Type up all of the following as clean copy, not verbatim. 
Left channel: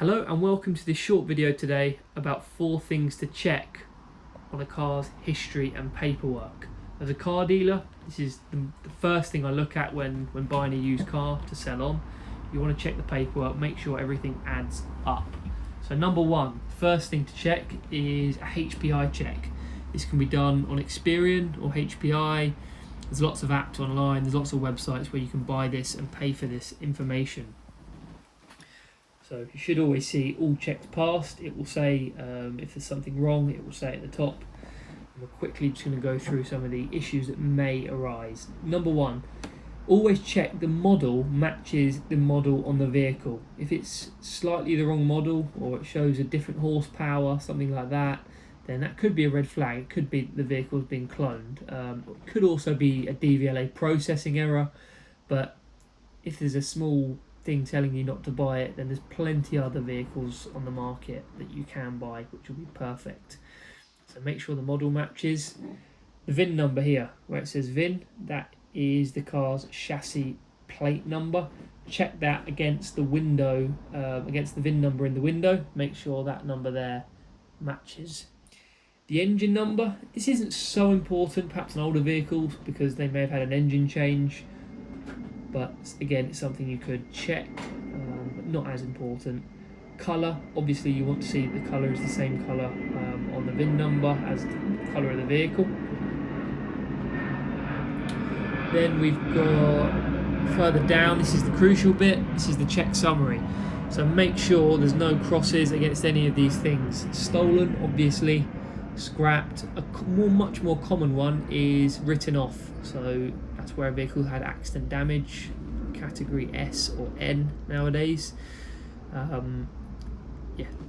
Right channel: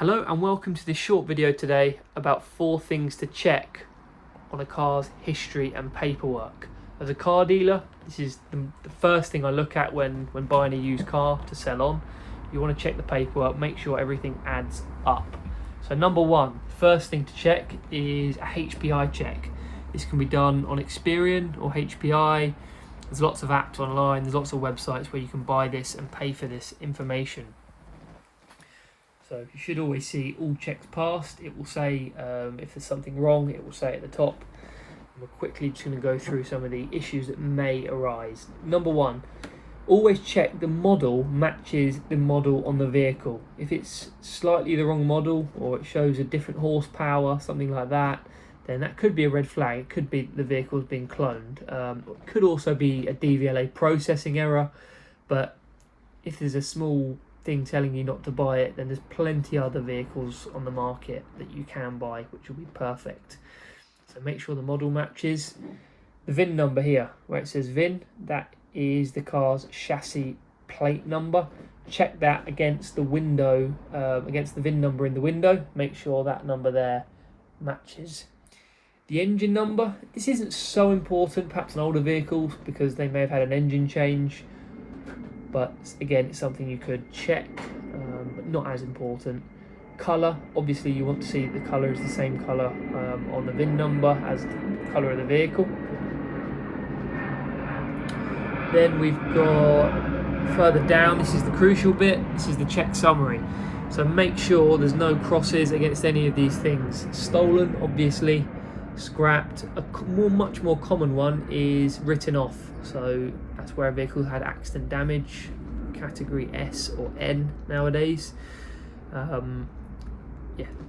Hello and welcome to this short video today about 4 things to check on a car's history and paperwork. As a car dealer, this is the first thing I look at when buying a used car to sell on. You want to check the paperwork, make sure everything adds up. So number 1, first thing to check is a HPI check. This can be done on Experian or HPI. There's lots of apps online, there's lots of websites where you can buy this and pay for this information. So you should always see all checks passed. It will say if there's something wrong, it will say at the top. And we're quickly just going to go through some of the issues that may arise. Number 1, always check the model matches the model on the vehicle. If it's slightly the wrong model or it shows a different horsepower, something like that, then that could be a red flag. It could be the vehicle's been cloned. It could also be a DVLA processing error, but if there's a small thing telling you not to buy it, then there's plenty other vehicles on the market that you can buy which will be perfect. So make sure the model matches. The VIN number here where it says VIN, that is the car's chassis plate number. Check that against the window, against the VIN number in the window. Make sure that number there matches. The engine number, this isn't so important perhaps in older vehicles because they may have had an engine change, but again, it's something you could check, but not as important. Colour, obviously you want to see the colour is the same colour on the VIN number as the colour of the vehicle. Then we've got further down, this is the crucial bit, this is the check summary. So make sure there's no crosses against any of these things. Stolen, obviously. Scrapped. A much more common one is written off. So that's where a vehicle had accident damage, category S or N nowadays.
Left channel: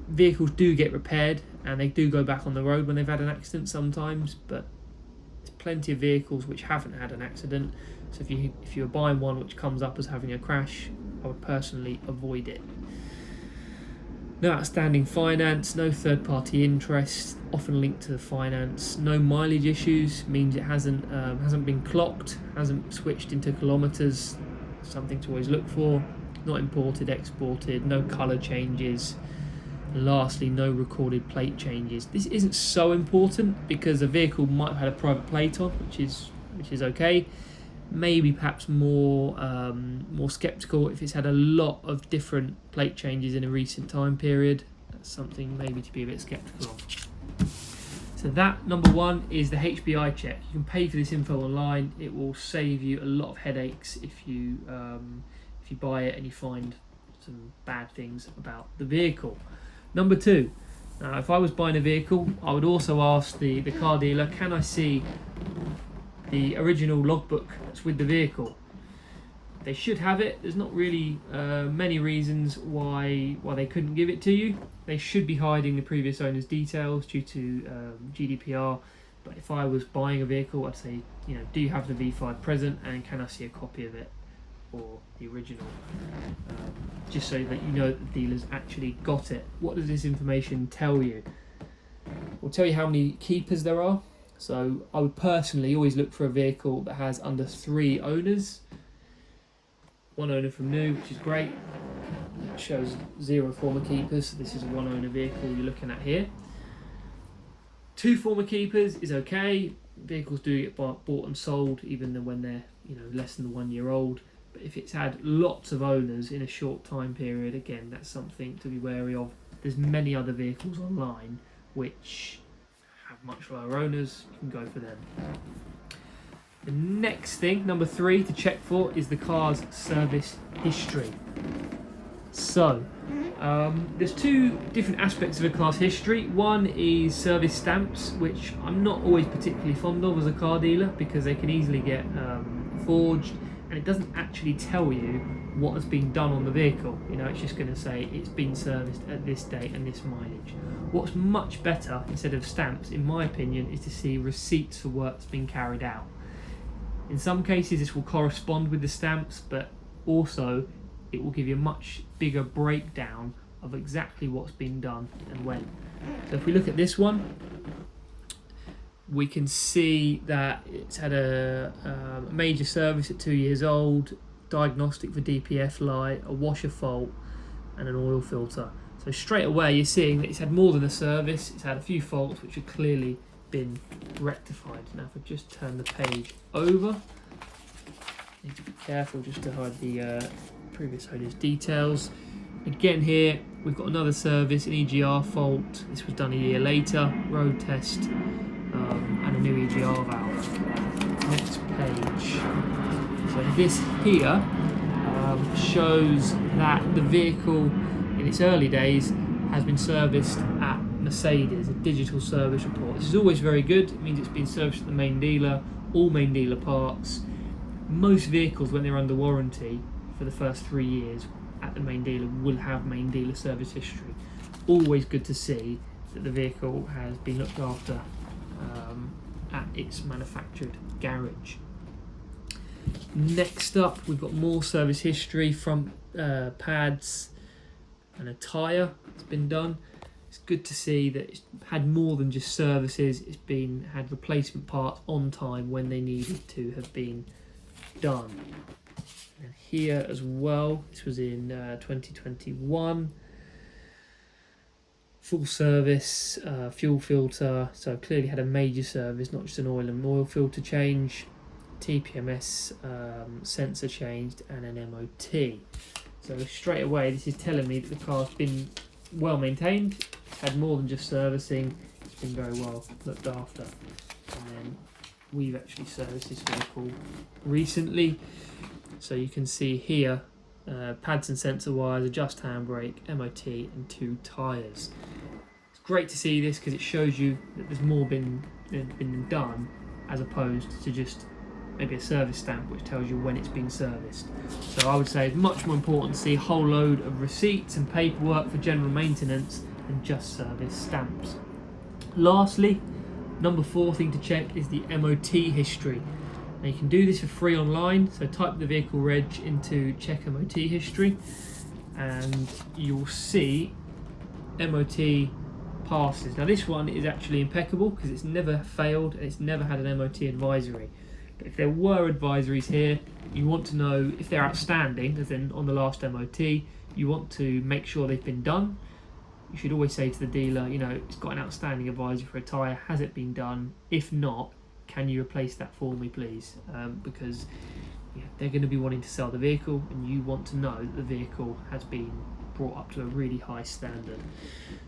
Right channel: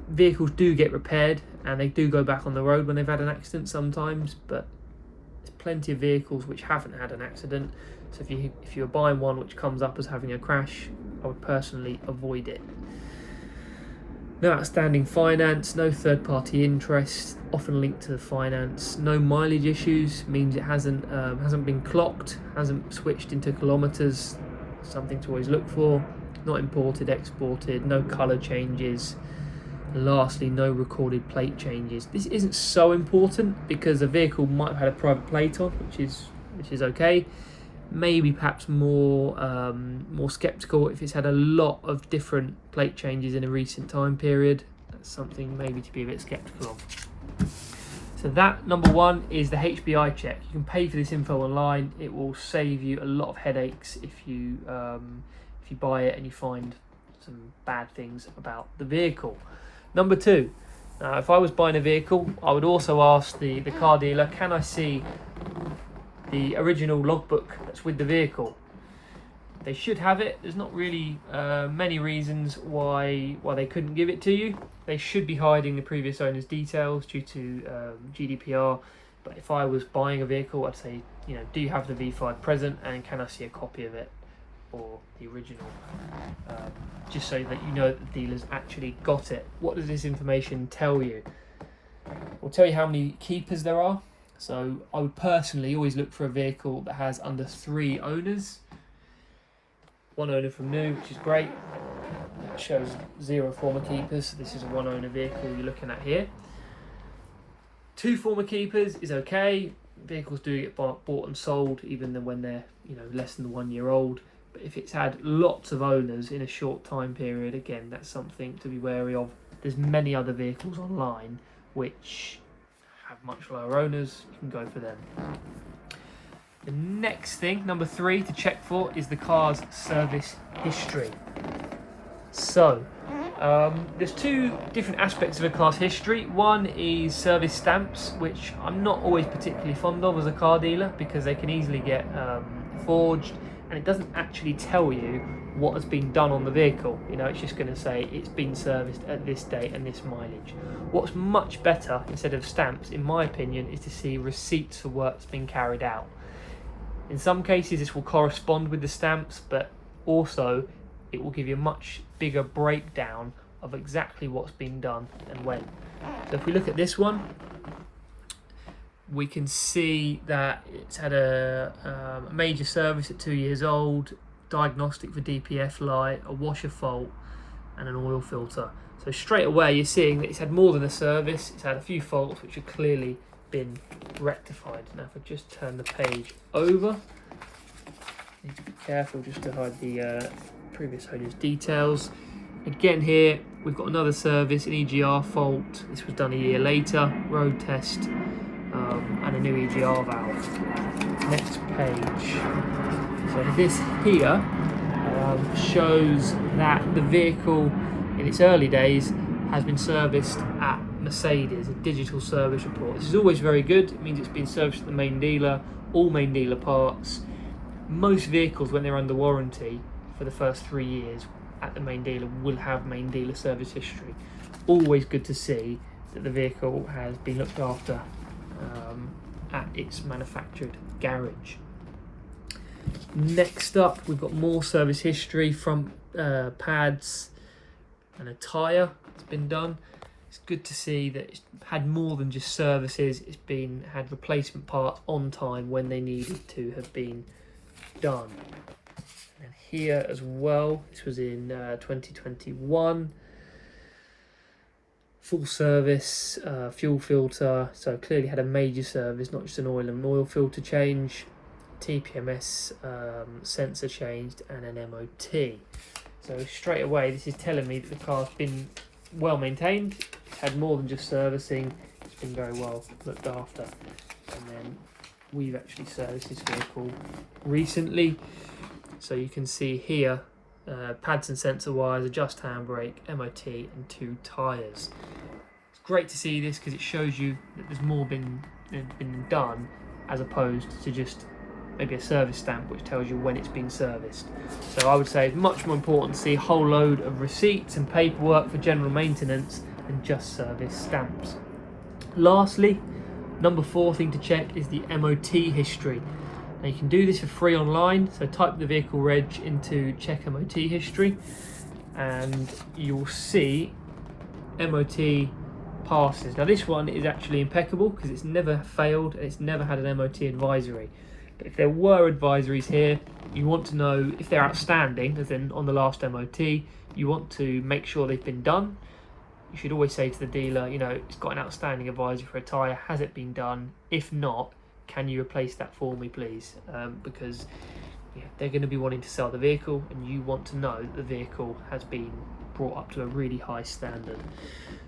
Vehicles do get repaired and they do go back on the road when they've had an accident sometimes, but there's plenty of vehicles which haven't had an accident. So if you're buying one which comes up as having a crash, I would personally avoid it. No outstanding finance, no third-party interest, often linked to the finance. No mileage issues, means it hasn't been clocked, hasn't switched into kilometres, something to always look for. Not imported, exported, no colour changes. And lastly, no recorded plate changes. This isn't so important because the vehicle might have had a private plate on, which is okay. Maybe perhaps more sceptical if it's had a lot of different plate changes in a recent time period. That's something maybe to be a bit sceptical of. So that, number 1, is the HPI check. You can pay for this info online. It will save you a lot of headaches if you buy it and you find some bad things about the vehicle. Number 2, if I was buying a vehicle, I would also ask the car dealer, can I see the original logbook that's with the vehicle? They should have it. There's not really many reasons why they couldn't give it to you. They should be hiding the previous owner's details due to GDPR. But if I was buying a vehicle, I'd say, do you have the V5 present and can I see a copy of it or the original? Just so that you know that the dealer's actually got it. What does this information tell you? It will tell you how many keepers there are. So I would personally always look for a vehicle that has under 3 owners. 1 owner from new, which is great. It shows 0 former keepers. This is a 1 owner vehicle you're looking at here. 2 former keepers is okay. Vehicles do get bought and sold even when they're less than 1 year old. But if it's had lots of owners in a short time period, again, that's something to be wary of. There's many other vehicles online which have much lower owners. You can go for them. The next thing, number 3 to check for, is the car's service history. So there's 2 different aspects of a car's history. One is service stamps, which I'm not always particularly fond of as a car dealer because they can easily get forged and it doesn't actually tell you what has been done on the vehicle. It's just going to say it's been serviced at this date and this mileage. What's much better instead of stamps, in my opinion, is to see receipts for work that's been carried out. In some cases this will correspond with the stamps, but also it will give you a much bigger breakdown of exactly what's been done and when. So if we look at this one, we can see that it's had a major service at 2 years old, diagnostic for DPF light, a washer fault, and an oil filter. So straight away you're seeing that it's had more than a service, it's had a few faults which have clearly been rectified. Now if I just turn the page over, need to be careful just to hide the previous owner's details. Again here we've got another service, an EGR fault. This was done a year later, road test, and a new EGR valve. Next page. So this here shows that the vehicle in its early days has been serviced at Mercedes, a digital service report. This is always very good. It means it's been serviced at the main dealer, all main dealer parts. Most vehicles, when they're under warranty for the first 3 years at the main dealer, will have main dealer service history. Always good to see that the vehicle has been looked after at its manufactured garage. Next up, we've got more service history from pads and a tyre that's been done. It's good to see that it's had more than just services. It's had replacement parts on time when they needed to have been done. And here as well, this was in 2021. Full service, fuel filter, so clearly had a major service, not just an oil filter change, TPMS sensor changed, and an MOT. So straight away this is telling me that the car's been well maintained, had more than just servicing, it's been very well looked after. And then we've actually serviced this vehicle recently, so you can see here pads and sensor wires, adjust handbrake, MOT, and 2 tyres. It's great to see this because it shows you that there's more been done, as opposed to just maybe a service stamp which tells you when it's been serviced. So I would say it's much more important to see a whole load of receipts and paperwork for general maintenance than just service stamps. Lastly, number 4 thing to check is the MOT history. Now you can do this for free online, so type the vehicle reg into check MOT history and you'll see MOT passes. Now this one is actually impeccable because it's never failed and it's never had an MOT advisory. But if there were advisories here, you want to know if they're outstanding, as in on the last MOT, you want to make sure they've been done. You should always say to the dealer, you know, it's got an outstanding advisory for a tyre, has it been done? If not, can you replace that for me please? Because they're going to be wanting to sell the vehicle and you want to know that the vehicle has been brought up to a really high standard.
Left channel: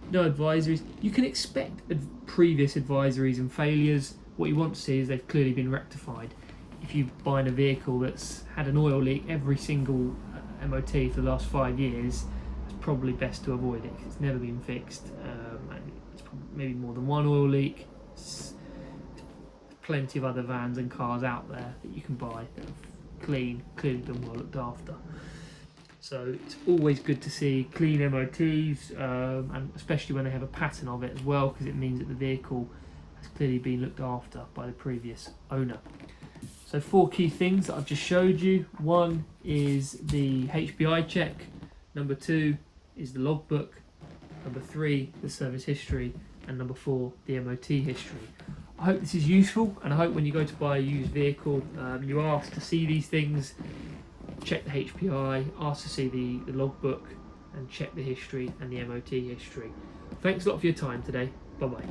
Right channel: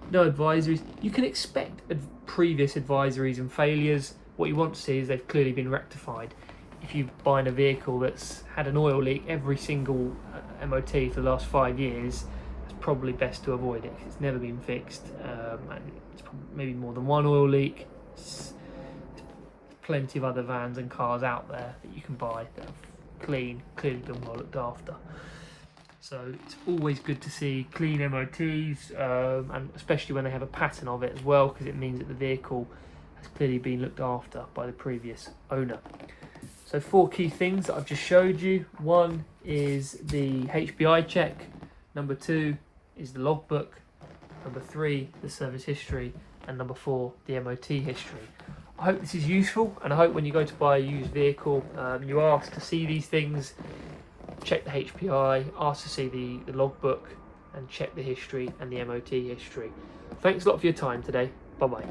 No advisories. You can expect previous advisories and failures. What you want to see is they've clearly been rectified. If you're buying a vehicle that's had an oil leak every single MOT for the last 5 years, it's probably best to avoid it because it's never been fixed. And it's probably maybe more than one oil leak. There's plenty of other vans and cars out there that you can buy that have clearly been well looked after. So it's always good to see clean MOTs, and especially when they have a pattern of it as well, because it means that the vehicle has clearly been looked after by the previous owner. So 4 key things that I've just showed you. 1 is the HPI check. Number 2 is the logbook. Number 3, the service history. And number 4, the MOT history. I hope this is useful, and I hope when you go to buy a used vehicle, you ask to see these things, check the HPI, ask to see the logbook, and check the history and the MOT history. Thanks a lot for your time today. Bye-bye.